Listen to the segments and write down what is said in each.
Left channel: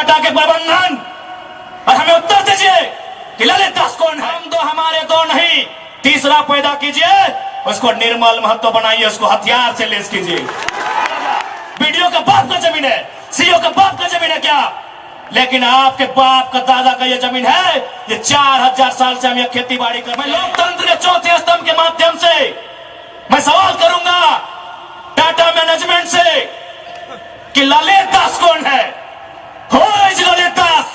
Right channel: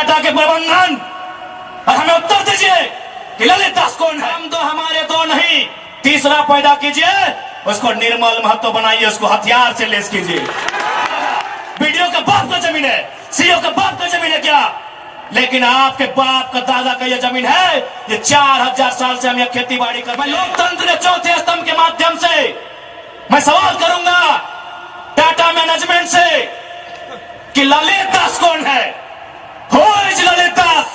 टाटा के प्रबंधन और हमें उत्तर दीजिए कि ललित दास कौन है। हम दो हमारे दो नहीं, तीसरा पैदा कीजिए, उसको निर्मल महत्व बनाइए, उसको हथियार से लेस कीजिए। वीडियो के बाप का जमीन है, सीओ के बाप का जमीन है क्या? लेकिन आपके बाप का दादा का ये जमीन है। ये 4000 साल से हम ये खेती बाड़ी कर। मैं लोकतंत्र के चौथे स्तंभ के माध्यम से मैं सवाल करूंगा टाटा मैनेजमेंट से कि ललित दास कौन है? Who is Lalit Das?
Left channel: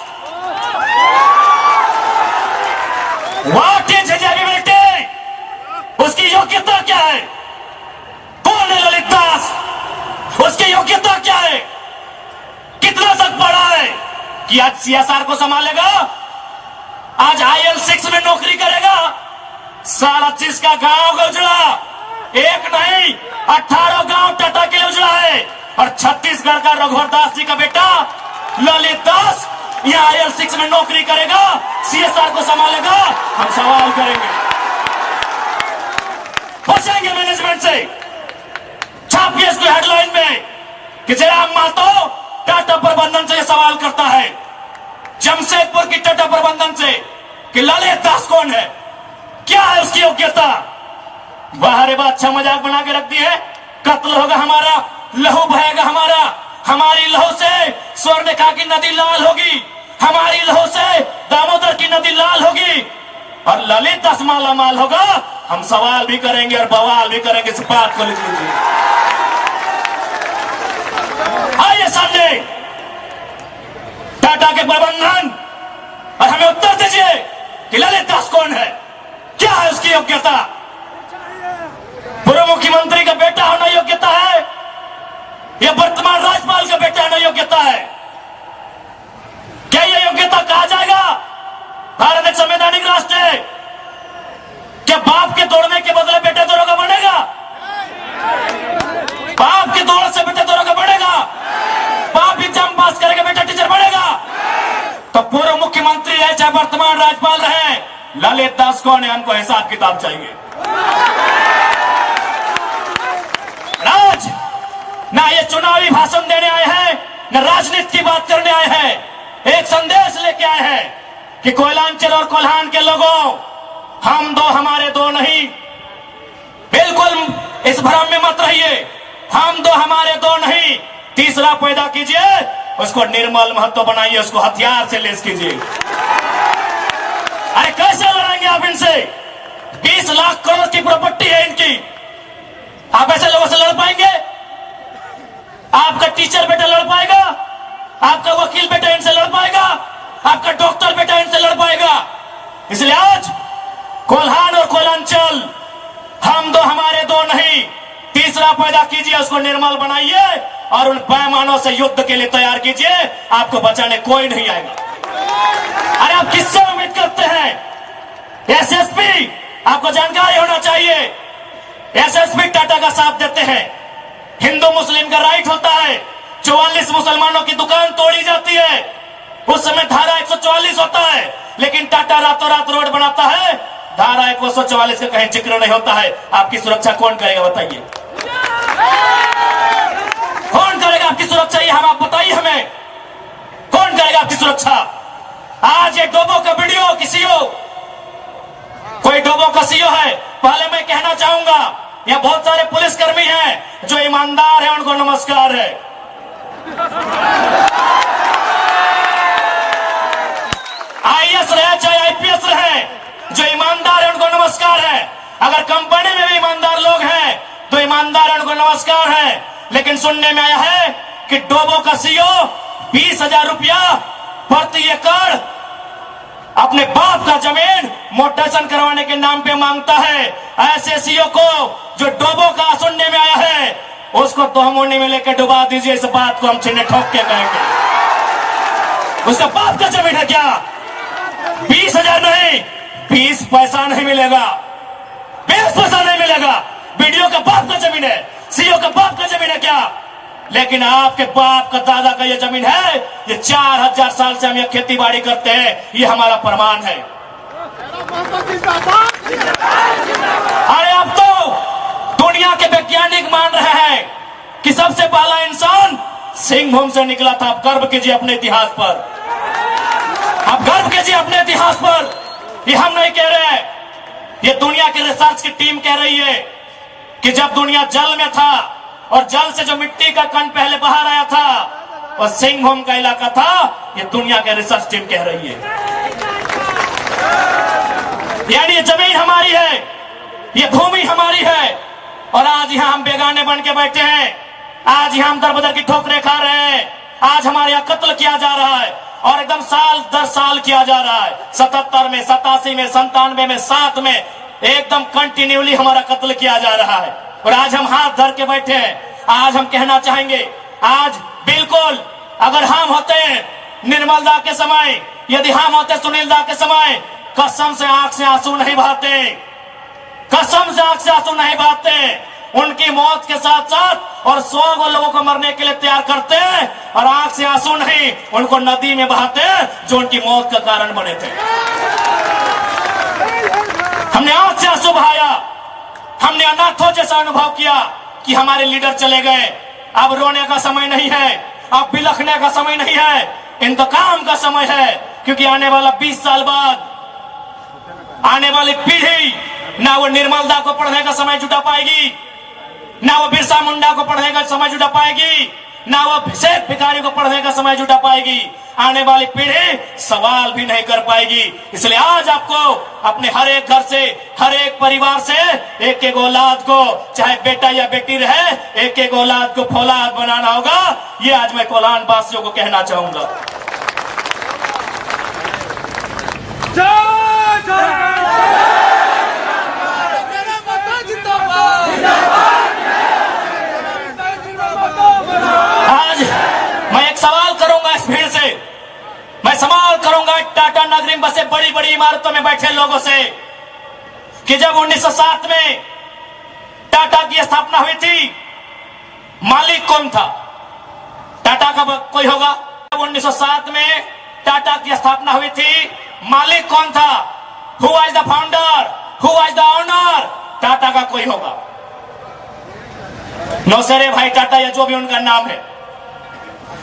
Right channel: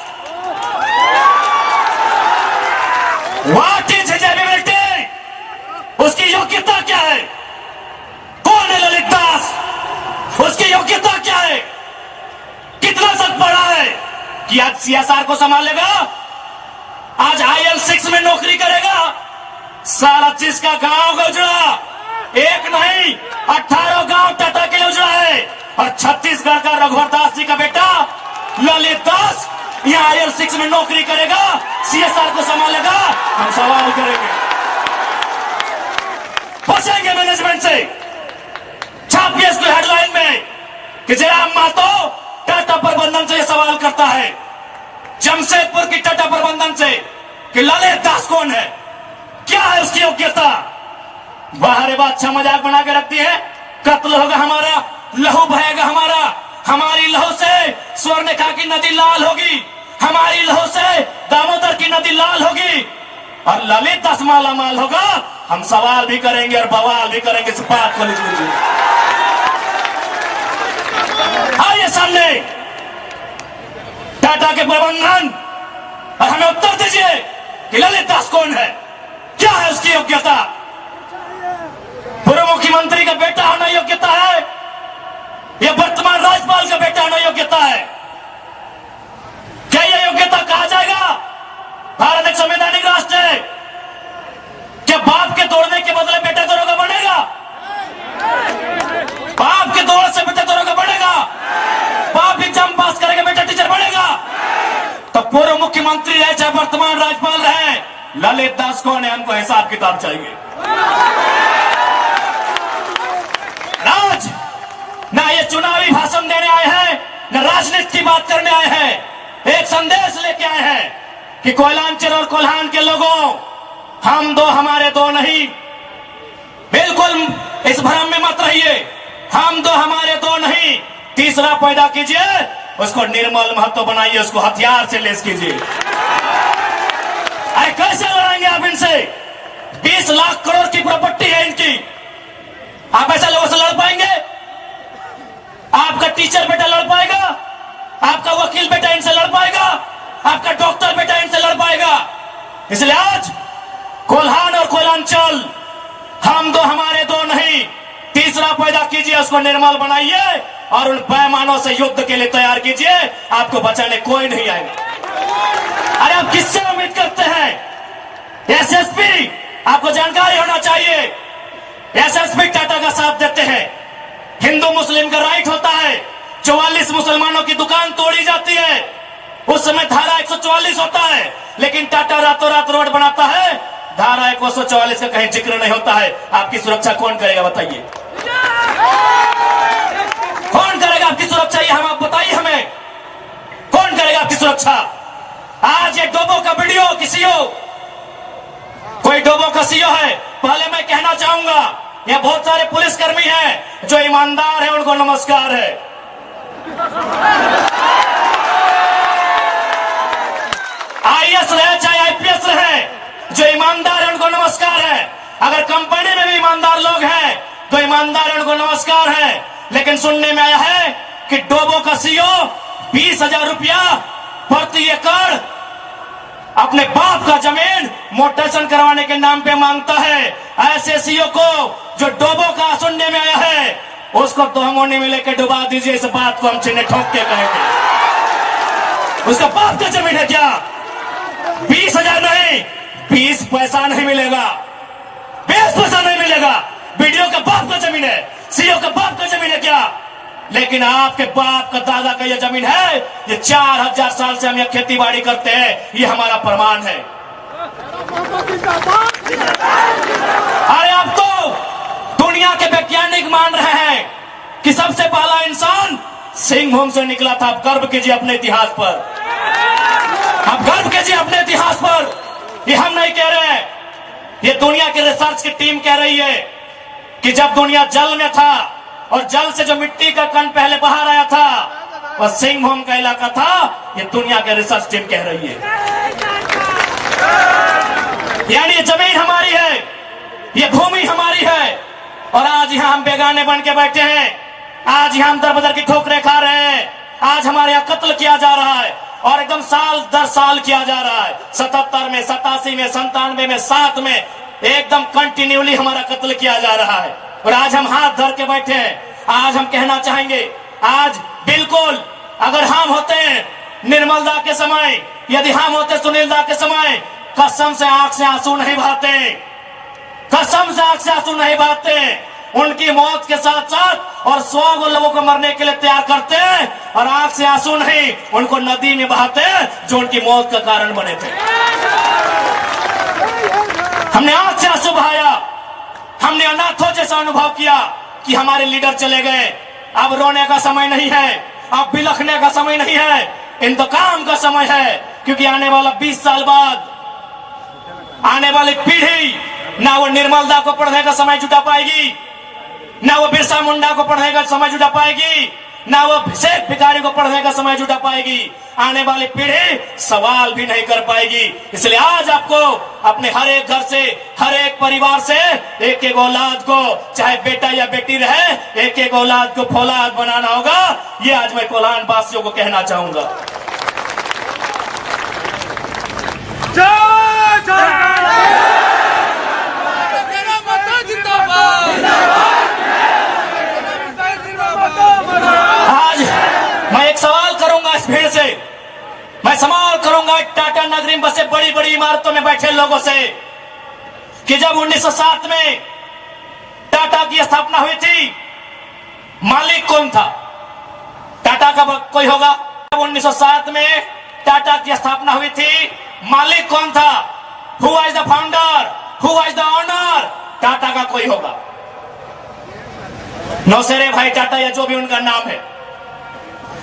What is his ability? उसकी योग्यता क्या है? कौन है ललित दास? उसकी योग्यता क्या है? कितना तक पढ़ा है कि आज सीएसआर को संभालेगा, आज IL6 में नौकरी करेगा? सारा चीज का गांव का उजड़ा, एक नहीं 18 गांव टाटा के उजड़ा है। और छत्तीसगढ़ का रघुवर दास जी का बेटा ललित दास यहाँ IL6 में नौकरी करेगा, सीएसआर को संभालेगा। हम सवाल करेंगे, पूछेंगे मैनेजमेंट से, छापिए इसको हेडलाइन में कि जयराम मातो टाटा प्रबंधन से सवाल करता है, जमशेदपुर की टाटा प्रबंधन से कि ललित दास कौन है, क्या है उसकी योग्यता? बाहर बात अच्छा मजाक बना के रखती है। कत्ल होगा हमारा, लहू बहेगा हमारा, हमारी लहू से स्वर्णरेखा की नदी लाल होगी, हमारी लहू से दामोदर की नदी लाल होगी और ललित दास माला माल होगा। हम सवाल भी करेंगे और बवाल भी करेंगे। इस बात को लिख लीजिए, आइए सामने टाटा के प्रबंधन और हमें उत्तर दीजिए कि ललित दास कौन है, क्या है उसकी योग्यता? पूर्व मुख्यमंत्री का बेटा होना योग्यता है या वर्तमान राज्यपाल का बेटा होना योग्यता है? क्या यह योग्यता कहा जाएगा? भारत एक संवैधानिक राष्ट्र है। क्या बाप के तोड़ने के बदले बेटे दरोगा बनेगा? बाप के दौड़ से बेटे दरोगा बनेगा? बाप एग्जाम पास करेगा, बेटा टीचर बनेगा? तो पूर्व मुख्यमंत्री रहे चाहे वर्तमान राज्यपाल रहे, ललित दास कौन है? हमको हिसाब किताब चाहिए। आज ना ये चुनावी भाषण देने आए हैं, न राजनीति की बात करने आए हैं। एक संदेश लेके आए हैं कि कोयलांचल और कोल्हान के लोगों, हम दो हमारे दो नहीं। बिल्कुल इस भ्रम में मत रहिए, हम दो हमारे दो नहीं, तीसरा पैदा कीजिए, उसको निर्मल महत्व बनाइए, उसको हथियार से लेस कीजिए। अरे कैसे लड़ेंगे आप इनसे? 20 लाख करोड़ की प्रॉपर्टी है इनकी। आप ऐसे लोगों से लड़ पाएंगे? आपका टीचर बेटा लड़ पाएगा? आपका वकील बेटा इनसे लड़ पाएगा? आपका डॉक्टर बेटा इनसे लड़ पाएगा? इसलिए आज कोल्हान और कोयलांचल, हम दो हमारे दो नहीं, तीसरा पैदा कीजिए, उसको निर्मल बनाइए और उन पैमानों से युद्ध के लिए तैयार कीजिए। आपको बचाने कोई नहीं आएगा। अरे आप किससे उम्मीद करते हैं? एसएसपी, आपको जानकारी होना चाहिए, एसएसपी टाटा का साथ देते हैं। हिंदू मुस्लिम का राइट होता है, 44 मुसलमानों की दुकान तोड़ी जाती है, उस समय धारा 144 होता है, लेकिन टाटा रातों रात रोड बनाता है, धारा 144 का कहीं जिक्र नहीं होता है। आपकी सुरक्षा कौन करेगा बताइए? कौन करेगा आपकी सुरक्षा? ये हम आप बताइए हमें, कौन करेगा आपकी सुरक्षा? आज ये डोबो का वीडियो किसी हो, कोई डोबो का सीओ है। पहले मैं कहना चाहूंगा, यहाँ बहुत सारे पुलिसकर्मी हैं जो ईमानदार हैं, उनको नमस्कार है। आईएएस रहे चाहे आईपीएस रहे, जो ईमानदार है उनको नमस्कार है। अगर कंपनी में भी ईमानदार लोग हैं तो ईमानदार है, उनको नमस्कार है। लेकिन सुनने में आया है कि डोबो का सीओ 20,000 रुपया प्रति एकड़ अपने बाप का जमीन मोटेशन करवाने के नाम पे मांगता है। ऐसे सीओ को जो डोबो का सुनने में आया है, उसको तोहमोने में लेकर डुबा दीजिए। इस बात को हम चिन्ह ठोक के कहेंगे। उसका बाप का जमीन है क्या? 20,000 नहीं, 20 पैसा नहीं मिलेगा, 20 पैसा नहीं मिलेगा। वीडियो का बाप का जमीन है, सीओ का बाप का जमीन है क्या? लेकिन आपके बाप का दादा का ये जमीन है। ये 4000 साल से हम ये खेती बाड़ी करते हैं, ये हमारा प्रमाण है। अरे अब तो दुनिया के वैज्ञानिक मान रहे हैं कि सबसे पहला इंसान सिंहभूम से निकला था। आप गर्व कीजिए अपने इतिहास पर, आप गर्व कीजिए अपने इतिहास पर। ये हम नहीं कह रहे हैं, ये दुनिया की रिसर्च की टीम कह रही है कि जब दुनिया जल में था और जल से जो मिट्टी का कण पहले बाहर आया था और सिंहभूम का इलाका था, ये दुनिया की रिसर्च टीम कह रही है। यानी ये जमीन हमारी है, ये भूमि हमारी है, और आज यहां हम बेगाने बन के बैठे हैं। आज यहां हम दर बदर की ठोकरें खा रहे हैं। आज हमारे यहां कत्ल किया जा रहा है और एकदम साल दर साल किया जा रहा है। 77 में, 87 में, 97 में, 7 में एकदम कंटिन्यूली हमारा कत्ल किया जा रहा है। और आज हम हाथ धर के बैठे हैं। आज हम कहना चाहेंगे, आज बिल्कुल अगर हम होते निर्मल दा के समय, यदि हम होते सुनील दा के समय, कसम से आंख से आंसू नहीं बहाते, कसम से आंख से आंसू नहीं बहाते। उनकी मौत के साथ साथ और 100 लोगों को मरने के लिए तैयार करते और आंख से आंसू नहीं, उनको नदी में बहाते जो उनकी मौत का कारण बने थे। हमने आंख से आंसू बहाया, हमने अनाथों जैसा अनुभव किया कि हमारे लीडर चले गए। अब रोने का समय नहीं है, अब बिलखने का समय नहीं है, इंतकाम का समय है। क्योंकि आने वाला 20 साल बाद आने वाली पीढ़ी ना वो निर्मल दा को पढ़ने का समय जुटा पाएगी, ना वो बिरसा मुंडा को पढ़ने का समय जुटा पाएगी, ना वो शेख भिखारी को पढ़ने का समय जुटा पाएगी। आने वाली पीढ़ी सवाल भी नहीं कर पाएगी। इसलिए आज आपको अपने हर एक घर से, हर एक परिवार से एक एक औलाद को, चाहे बेटा या बेटी रहे, एक एक औलाद को फौलाद बनाना होगा। ये आज मैं कोलान वासियों को कहना चाहूंगा। आज मैं एक सवाल करूंगा इस भीड़ से, मैं सवाल करूंगा टाटा नगरी में बसे बड़ी बड़ी इमारतों में बैठे लोगों से कि जब 1907 में टाटा की स्थापना हुई थी, मालिक कौन था? टाटा का कोई होगा? 1907 में टाटा की स्थापना हुई थी, मालिक कौन था? Who was the founder? Who was the owner? Tata का कोई होगा? नौसेरे भाई टाटा या जो भी उनका नाम है।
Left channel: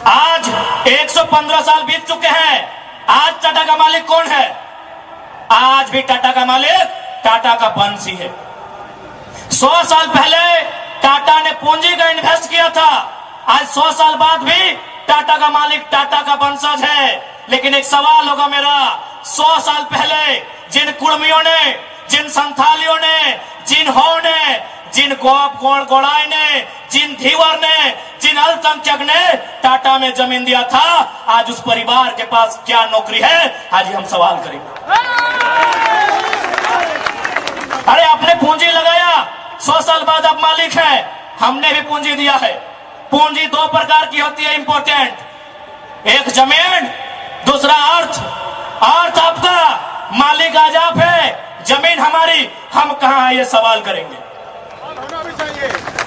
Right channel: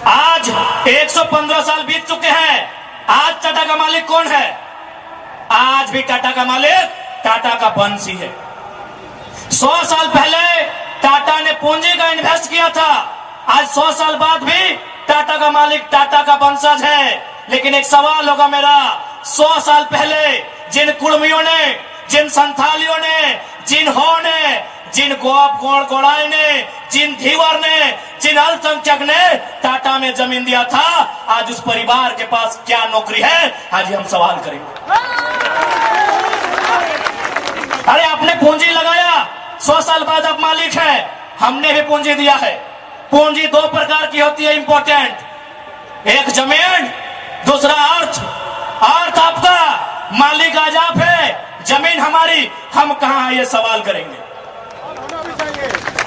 आज 115 साल बीत चुके हैं। आज टाटा का मालिक कौन है? आज भी टाटा का मालिक टाटा का वंशी है। 100 साल पहले टाटा ने पूंजी का इन्वेस्ट किया था, आज 100 साल बाद भी टाटा का मालिक टाटा का वंशज है। लेकिन एक सवाल होगा मेरा, 100 साल पहले जिन कुर्मियों ने, जिन संथालियों ने, जिन हो ने, जिन गोड़ाई ने, जिन धीवर ने, जिन अल्पसंख्यक ने टाटा में जमीन दिया था, आज उस परिवार के पास क्या नौकरी है? आज हम सवाल करेंगे। अरे आपने पूंजी लगाया, 100 साल बाद आप मालिक है। हमने भी पूंजी दिया है। पूंजी 2 प्रकार की होती है इंपॉर्टेंट, एक जमीन, दूसरा अर्थ। अर्थ आपका, मालिक आज आप है, जमीन हमारी, हम कहां है? ये सवाल करेंगे।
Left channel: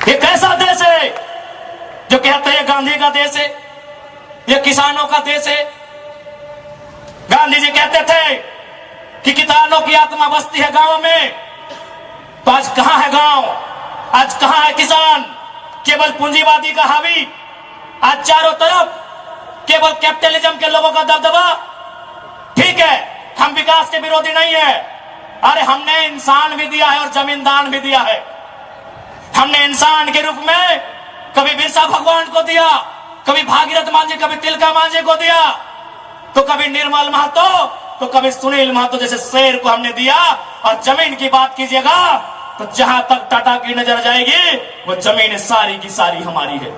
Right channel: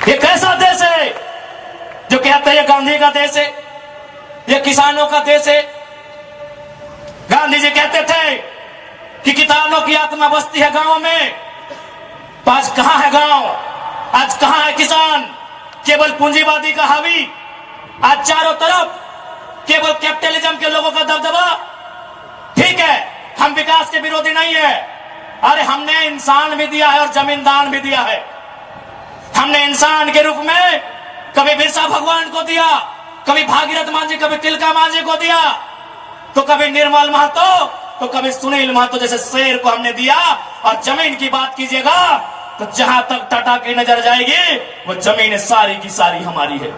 ये कैसा देश है जो कहते हैं गांधी का देश है, ये किसानों का देश है? गांधी जी कहते थे कि किसानों की आत्मा बसती है गांवों में, तो आज कहां है गांव? आज कहां है किसान? केवल पूंजीवादी का हावी, आज चारों तरफ केवल कैपिटलिज्म के लोगों का दबदबा। ठीक है, हम विकास के विरोधी नहीं है। अरे हमने इंसान भी दिया है और जमींदान भी दिया है। हमने इंसान के रूप में कभी बिरसा भगवान को दिया, कभी भागीरथ मांझी, कभी तिलका मांझी को दिया, तो कभी निर्मल महतो, तो कभी सुनील महतो जैसे शेर को हमने दिया। और जमीन की बात कीजिएगा तो जहां तक टाटा की नजर जाएगी वो जमीन सारी की सारी हमारी है।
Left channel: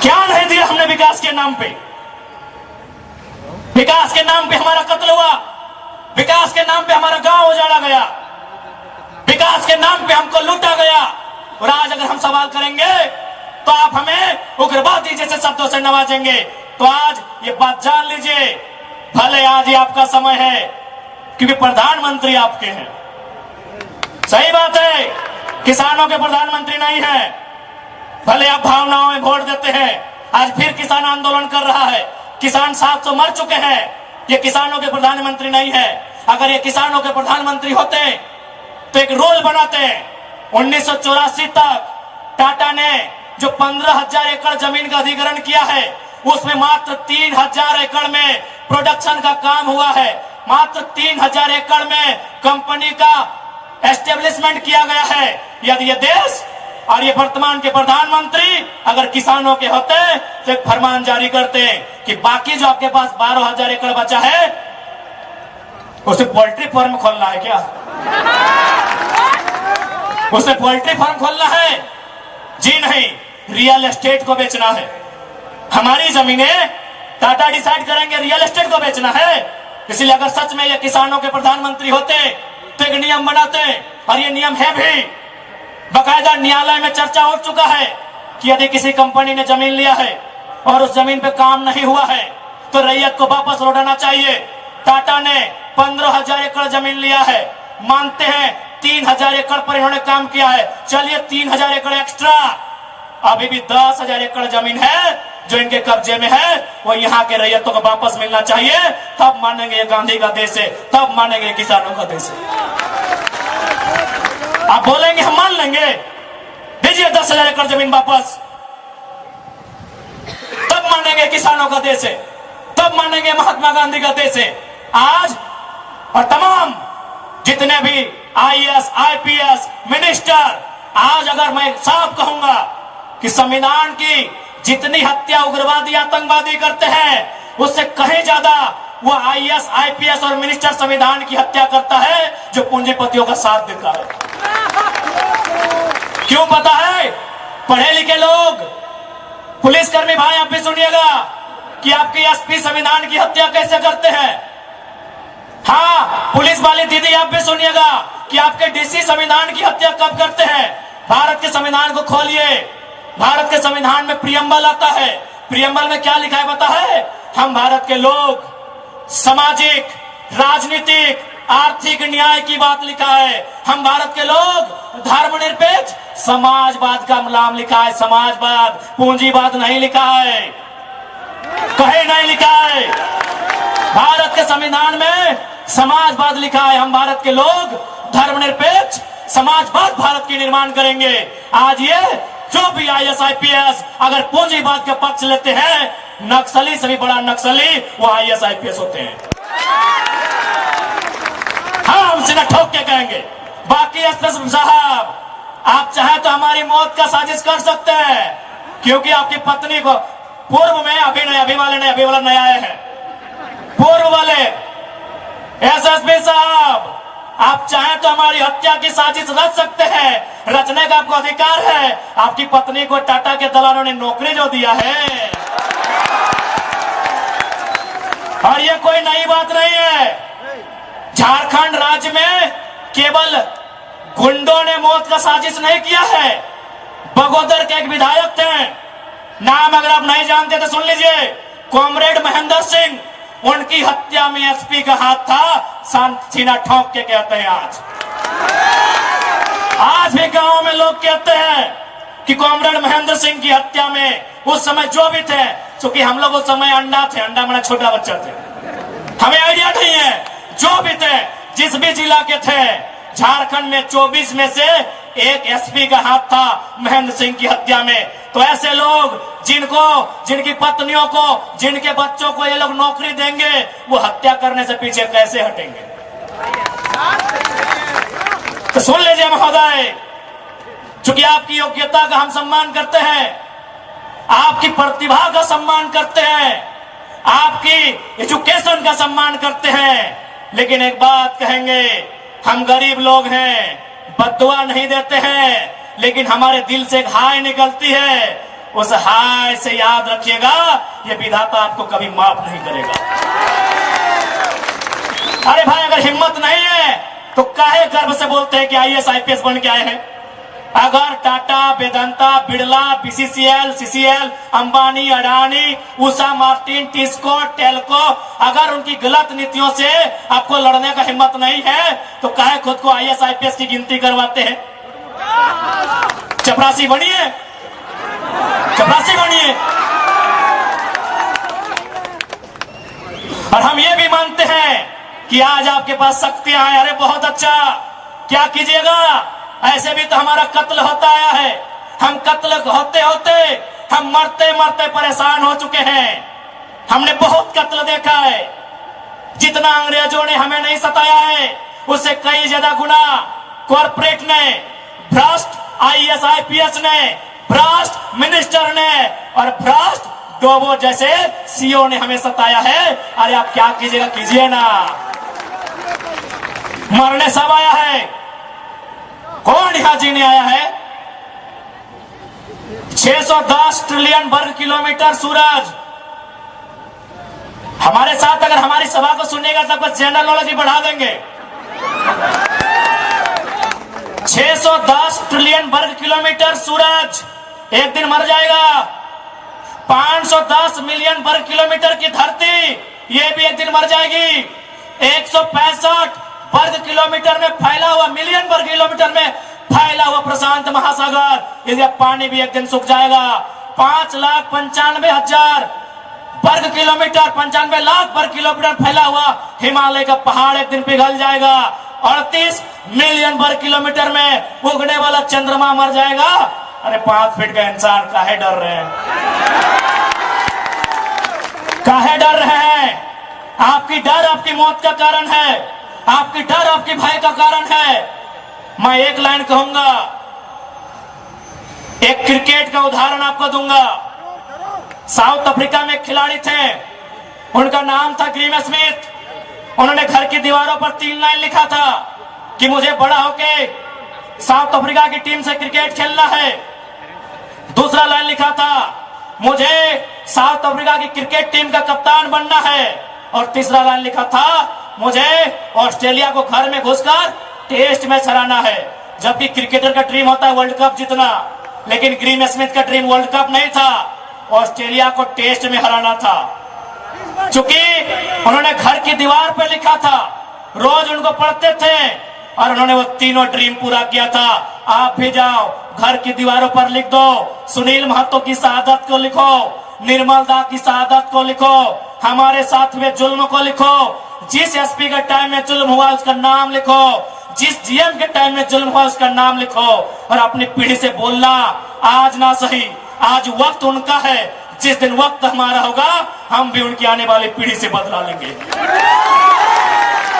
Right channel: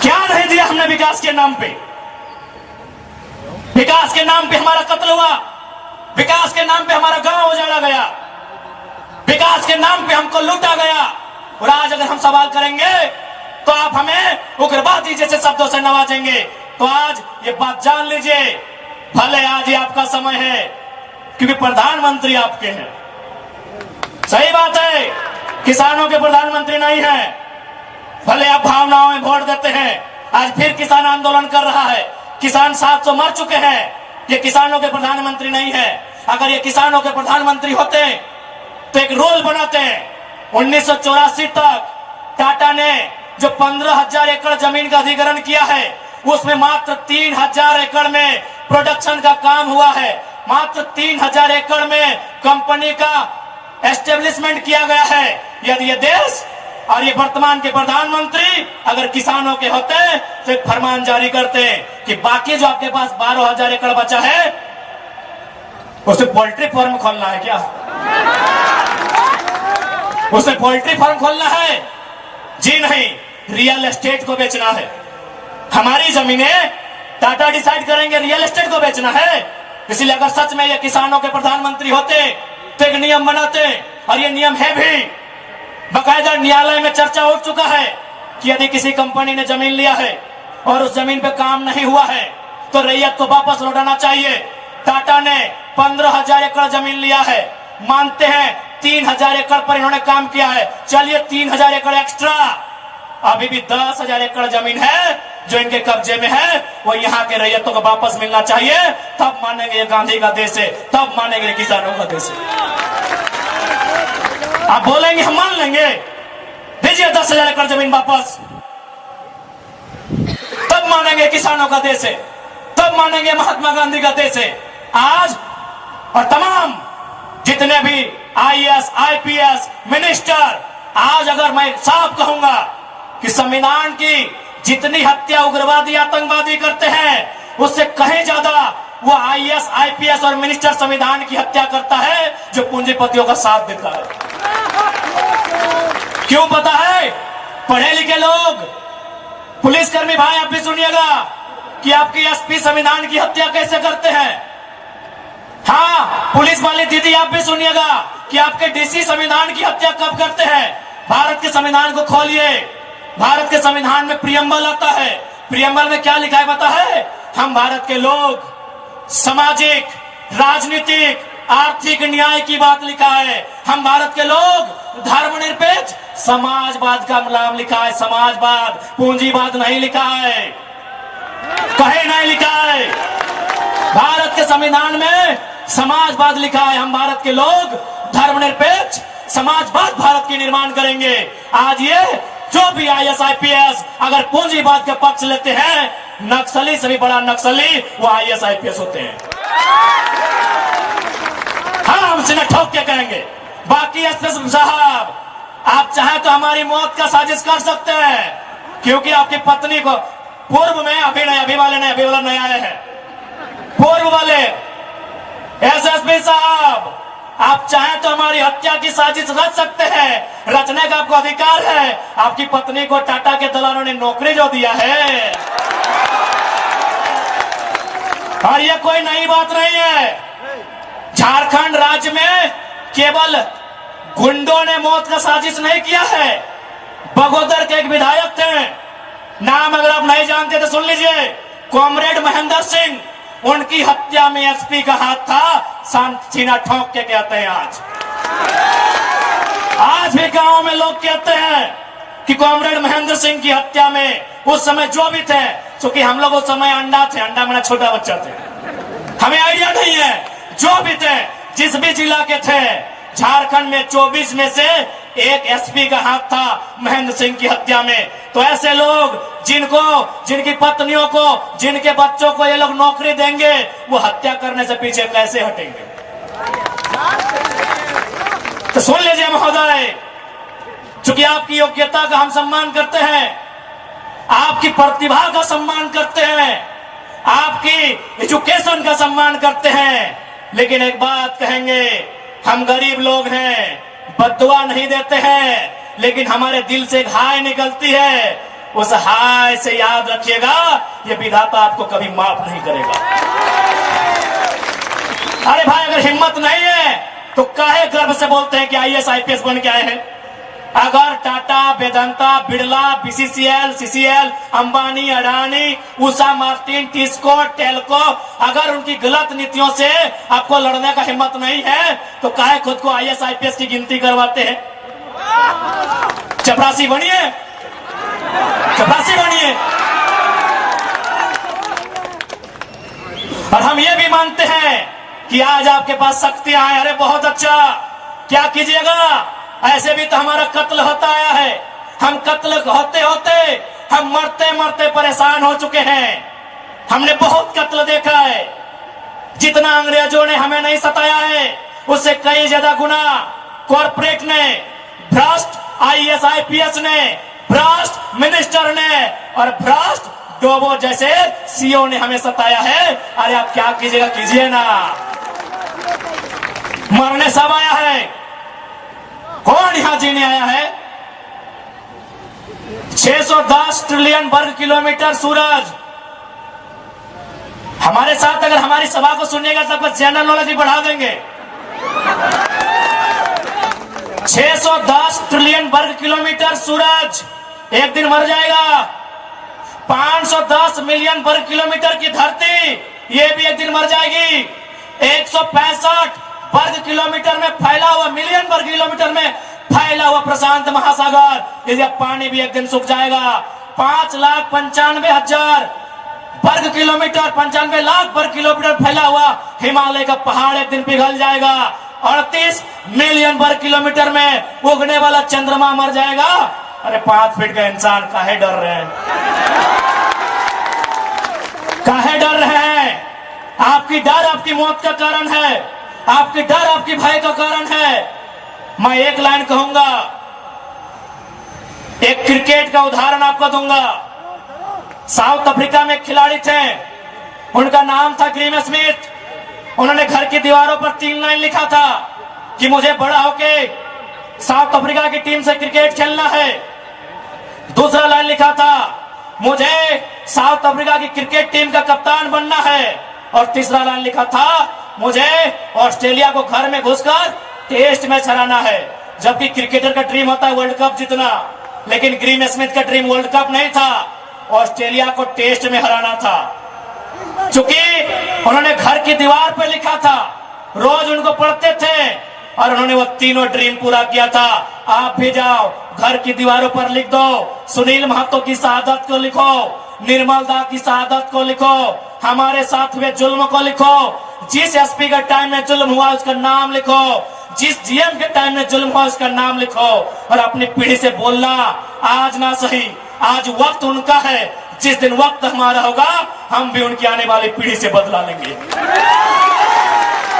क्या नहीं दिया हमने विकास के नाम पे? विकास के नाम पे हमारा कत्ल हुआ, विकास के नाम पे हमारा गांव उजाड़ा गया, विकास के नाम पे हमको लूटा गया। और आज अगर हम सवाल करेंगे तो आप हमें उग्रवादी जैसे शब्दों से नवाजेंगे। तो आज ये बात जान लीजिए, भले आज ही आपका समय है क्योंकि प्रधानमंत्री आपके हैं। सही बात है, किसानों के प्रधानमंत्री नहीं है। भले आप भावनाओं में वोट देते हैं, आज फिर किसान आंदोलन कर रहा है, किसान 700 मर चुके हैं। ये किसानों के प्रधानमंत्री नहीं है। अगर ये किसानों के प्रधानमंत्री होते तो एक रूल बनाते हैं। 1984 तक टाटा ने जो 15,000 एकड़ जमीन का अधिग्रहण किया है, उसमें मात्र 3,000 एकड़ में प्रोडक्शन का काम हुआ है। मात्र 3,000 एकड़ में कंपनी का एस्टेब्लिशमेंट किया गया है। यदि ये देश और ये वर्तमान के प्रधानमंत्री अगर किसानों के होते तो एक फरमान जारी करते कि बाकी जो आपके पास 12,000 एकड़ बचा है उसे पोल्ट्री फार्म खोलना है क्या? उसे पोल्ट्री फार्म खोलना है? जी नहीं, रियल एस्टेट को बेचना है। हमारी जमीनें टाटा डिसाइड करेंगे, रियल एस्टेट को बेचना है। इसलिए अगर सच में ये किसानों के प्रधानमंत्री होते तो एक नियम बनाते, और ये नियम है भी, बकायदा न्यायालय में चर्चा हो चुका है कि यदि किसी कंपनी ने जमीन लिया है और उस जमीन पे काम नहीं हुआ है तो रैयत को वापस लौटाना चाहिए। टाटा ने 15,000 एकड़ जमीन लिया है, मानते हैं 3,000 एकड़ पर इन्होंने काम किया है, चलिए 3,000 एकड़ एक्स्ट्रा, अभी भी 10,000 एकड़ जमीन है जो इनके कब्जे में है, वो यहाँ के रैयतों को वापस मिलना चाहिए। तब मानेंगे ये गांधी का देश है, तब मानेंगे किसानों का देश है। आप बोलेंगे हम मान लेंगे, दीजिए 10,000 एकड़ जमीन वापस, तब मानेंगे किसानों का देश है, तब मानेंगे महात्मा गांधी का देश है। आज और तमाम जितने भी IAS, IPS मिनिस्टर, आज अगर मैं साफ कहूंगा कि संविधान की जितनी हत्या उग्रवादी आतंकवादी करते हैं उससे कहीं ज्यादा वो IAS, IPS और मिनिस्टर संविधान की हत्या करता है जो पूंजीपतियों का साथ देता है। क्यों पता है? पढ़े लिखे लोग, पुलिसकर्मी भाई आप भी सुनिएगा कि आपके SP संविधान की हत्या कैसे करते हैं। हाँ, पुलिस वाली दीदी आप भी सुनिएगा कि आपके DC संविधान की हत्या कब करते हैं। भारत के संविधान को खोलिए, भारत के संविधान में प्रियम्बल आता है। प्रियम्बल में क्या लिखा है पता है? हम भारत के लोग सामाजिक, राजनीतिक, आर्थिक न्याय की बात लिखा है। हम भारत के लोग धर्मनिरपेक्ष समाजवाद का नाम लिखा है, समाजवाद, पूंजीवाद नहीं लिखा है, कहीं नहीं लिखा है। भारत के संविधान में समाजवाद लिखा है। हम भारत के लोग धर्मनिरपेक्ष समाजवाद भारत की निर्माण करेंगे। आज ये जो भी IAS, IPS अगर पूंजीवाद का पक्ष लेते हैं, नक्सली से भी बड़ा नक्सली वो IAS, IPS होते हैं। हाँ, हम सीधा ठोक के कहेंगे। बाकी एसपी साहब, आप चाहे तो हमारी मौत का साजिश कर सकते हैं, क्योंकि आपकी पत्नी को पूर्व में, अभी नहीं, अभी वाले नहीं, अभी वाला नया आए हैं, पूर्व वाले SSP साहब, आप चाहें तो हमारी हत्या की साजिश रच सकते हैं, रचने का आपको अधिकार है। आपकी पत्नी को टाटा के दलालों ने नौकरी जो दिया है, और ये कोई नई बात नहीं है। झारखंड राज्य में केवल गुंडों ने मौत का साजिश नहीं किया है। बगोदर के एक विधायक थे, नाम अगर आप नहीं जानते तो सुन लीजिए, कॉमरेड महेंद्र सिंह, उनकी हत्या में SP का हाथ था। सीना ठोक के कहते हैं आज भी गांव में लोग कहते हैं कि कॉमरेड महेंद्र सिंह की हत्या में उस समय जो भी थे, क्योंकि हम लोग उस समय अंडा थे, अंडा मेरा छोटा बच्चा थे, हमें आइडिया नहीं है, जो भी थे, जिस भी जिला के थे, झारखंड में 24 में से एक SP का हाथ था महेंद्र सिंह की हत्या में। तो ऐसे लोग जिनकी पत्नियों को, जिनके बच्चों को ये लोग नौकरी देंगे, वो हत्या करने से पीछे कैसे हटेंगे? तो सुन लीजिए महोदय, चूंकि आपकी योग्यता का हम सम्मान करते हैं, आपकी प्रतिभा का सम्मान करते हैं, आपकी एजुकेशन का सम्मान करते हैं, लेकिन एक बात कहेंगे, हम गरीब लोग हैं, बद्दुआ नहीं देते हैं, लेकिन हमारे दिल से एक हाय निकलती है। उस हाय से याद रखिएगा, ये विधाता आपको कभी माफ नहीं करेगा। अरे भाई, अगर हिम्मत नहीं है तो काहे गर्व से बोलते हैं कि IAS, IPS बन के आए हैं? अगर Tata, Vedanta, Birla, BCCL, CCL, Ambani, Adani, Usha Martin, TISCO, Telco, अगर उनकी गलत नीतियों से आपको लड़ने का हिम्मत नहीं है तो काहे खुद को IAS, IPS की गिनती करवाते हैं? चपरासी बनिए, चपरासी बनिए। और हम ये भी मानते हैं कि आज आपके पास शक्तियां हैं। अरे बहुत अच्छा, क्या कीजिएगा, ऐसे भी तो हमारा कत्ल होता आया है, हम कत्ल होते होते हम मरते मरते परेशान हो चुके हैं। हमने बहुत कत्ल देखा है। जितना अंग्रेजों ने हमें नहीं सताया है उससे कई ज्यादा गुना कॉर्पोरेट ने, भ्रष्ट आईएएस आईपीएस ने, भ्रष्ट मिनिस्टर ने और भ्रष्ट डोबो जैसे सीओ ने हमें सताया है। अरे आप क्या कीजिएगा कीजिए ना, मरने सब आया है, कौन यहां जीने आया है। 610 ट्रिलियन वर्ग किलोमीटर सूरज। हमारे साथ अगर हमारी सभा को सुनिएगा तब तो जनरल नॉलेज भी बढ़ा देंगे। 610 ट्रिलियन वर्ग किलोमीटर सूरज एक दिन मर जाएगा। 510 मिलियन वर्ग किलोमीटर की धरती ये भी एक दिन मर जाएगी। 165 वर्ग किलोमीटर में फैला हुआ, मिलियन वर्ग किलोमीटर में फैला हुआ प्रशांत महासागर, इसका पानी भी एक दिन सूख जाएगा। 5,95,000 वर्ग किलोमीटर, 95 लाख वर्ग किलोमीटर फैला हुआ हिमालय का पहाड़ एक दिन पिघल जाएगा। 38 मिलियन वर्ग किलोमीटर में उगने वाला चंद्रमा मर जाएगा। अरे 5 फीट का इंसान काहे डर रहे हैं, काहे डर रहे हैं। आपकी डर आपकी मौत का कारण है, आपकी डर आपकी भय का कारण है। मैं एक लाइन कहूंगा, एक क्रिकेट का उदाहरण आपको दूंगा। साउथ अफ्रीका में एक खिलाड़ी थे, उनका नाम था ग्रीम स्मिथ। उन्होंने घर की दीवारों पर 3 लाइन लिखा था कि मुझे बड़ा होके साउथ अफ्रीका की टीम से क्रिकेट खेलना है। दूसरा लाइन लिखा था मुझे साउथ अफ्रीका की क्रिकेट टीम का कप्तान बनना है। और तीसरा लाइन लिखा था मुझे ऑस्ट्रेलिया को घर में घुसकर टेस्ट मैच हराना है। जबकि क्रिकेटर का ड्रीम होता है वर्ल्ड कप जीतना, लेकिन ग्रीम स्मिथ का ड्रीम वर्ल्ड कप नहीं था, ऑस्ट्रेलिया को टेस्ट में हराना था। चूंकि उन्होंने घर की दीवार पर लिखा था, रोज उनको पढ़ते थे और उन्होंने वो तीनों ड्रीम पूरा किया था। आप भी जाओ, घर की दीवारों पर लिख दो, सुनील महतो की शहादत को लिखो, निर्मल दा की शहादत को लिखो, हमारे साथ में जुल्म को लिखो, जिस एसपी के टाइम में जुल्म हुआ उसका नाम लिखो, जिस जीएम के टाइम में जुल्म हुआ उसका नाम लिखो और अपनी पीढ़ी से बोलना आज ना सही, आज वक्त उनका है, जिस दिन वक्त हमारा होगा हम भी उनकी आने वाली पीढ़ी से बदला लेंगे।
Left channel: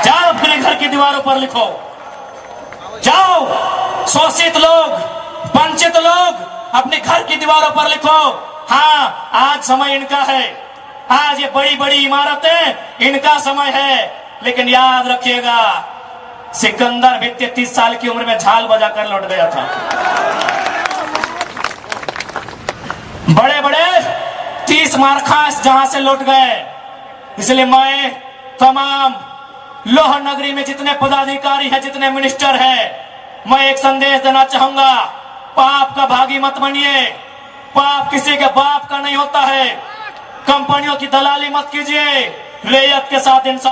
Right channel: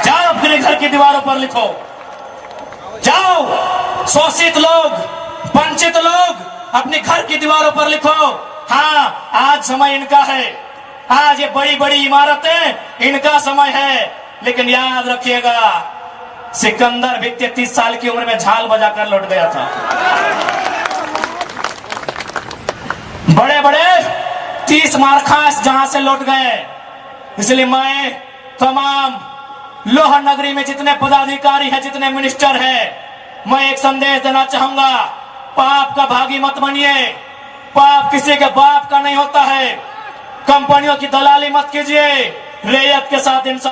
जाओ अपने घर की दीवारों पर लिखो, जाओ शोषित लोग, वंचित लोग अपने घर की दीवारों पर लिखो। हाँ, आज समय इनका है, आज ये बड़ी बड़ी इमारतें इनका समय है। लेकिन याद रखिएगा, सिकंदर भी 33 साल की उम्र में झाल बजाकर लौट गया था। बड़े बड़े 30 मारखास जहां से लौट गए। इसलिए मैं तमाम लोहा नगरी में जितने पदाधिकारी हैं, जितने मिनिस्टर हैं, मैं एक संदेश देना चाहूंगा, पाप का भागी मत बनिए। पाप किसी के बाप का नहीं होता है। कंपनियों की दलाली मत कीजिए, रैयत के साथ इंसान